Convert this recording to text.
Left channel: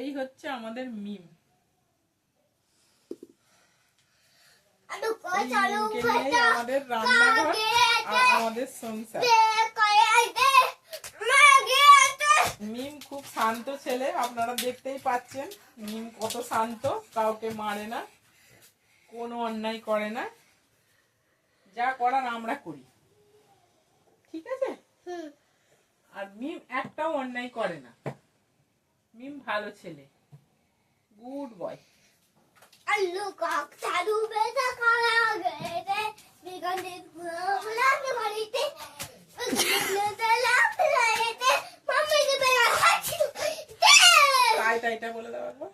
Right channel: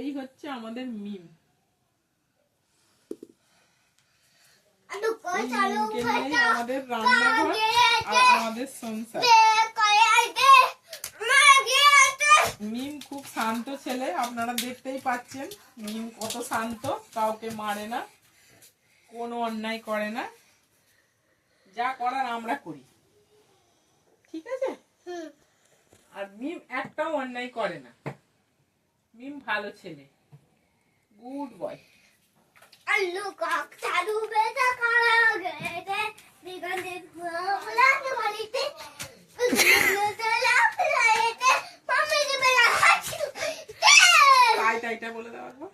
এই হচ্ছে আমাদের মিম। আমাদের রান্নাঘর আর আমাদের সংসার। মিম খুব শান্ত ছেলে, আপনারা দেখতেই পাচ্ছেন মিম কত শান্ত, কাউকে মারে না, কোনো অন্যায় করে না, যা করার আমরা করি, ঠিক আছে? আর মিম একটাও অন্যায় করে না, মিম ভালো ছেলে, গুড বয়। আলু কক চালু বেটা করা গেতে বিগন্ধে ফুলাতে বাড়িতে তাই তাইটা বলে দেওয়ার পর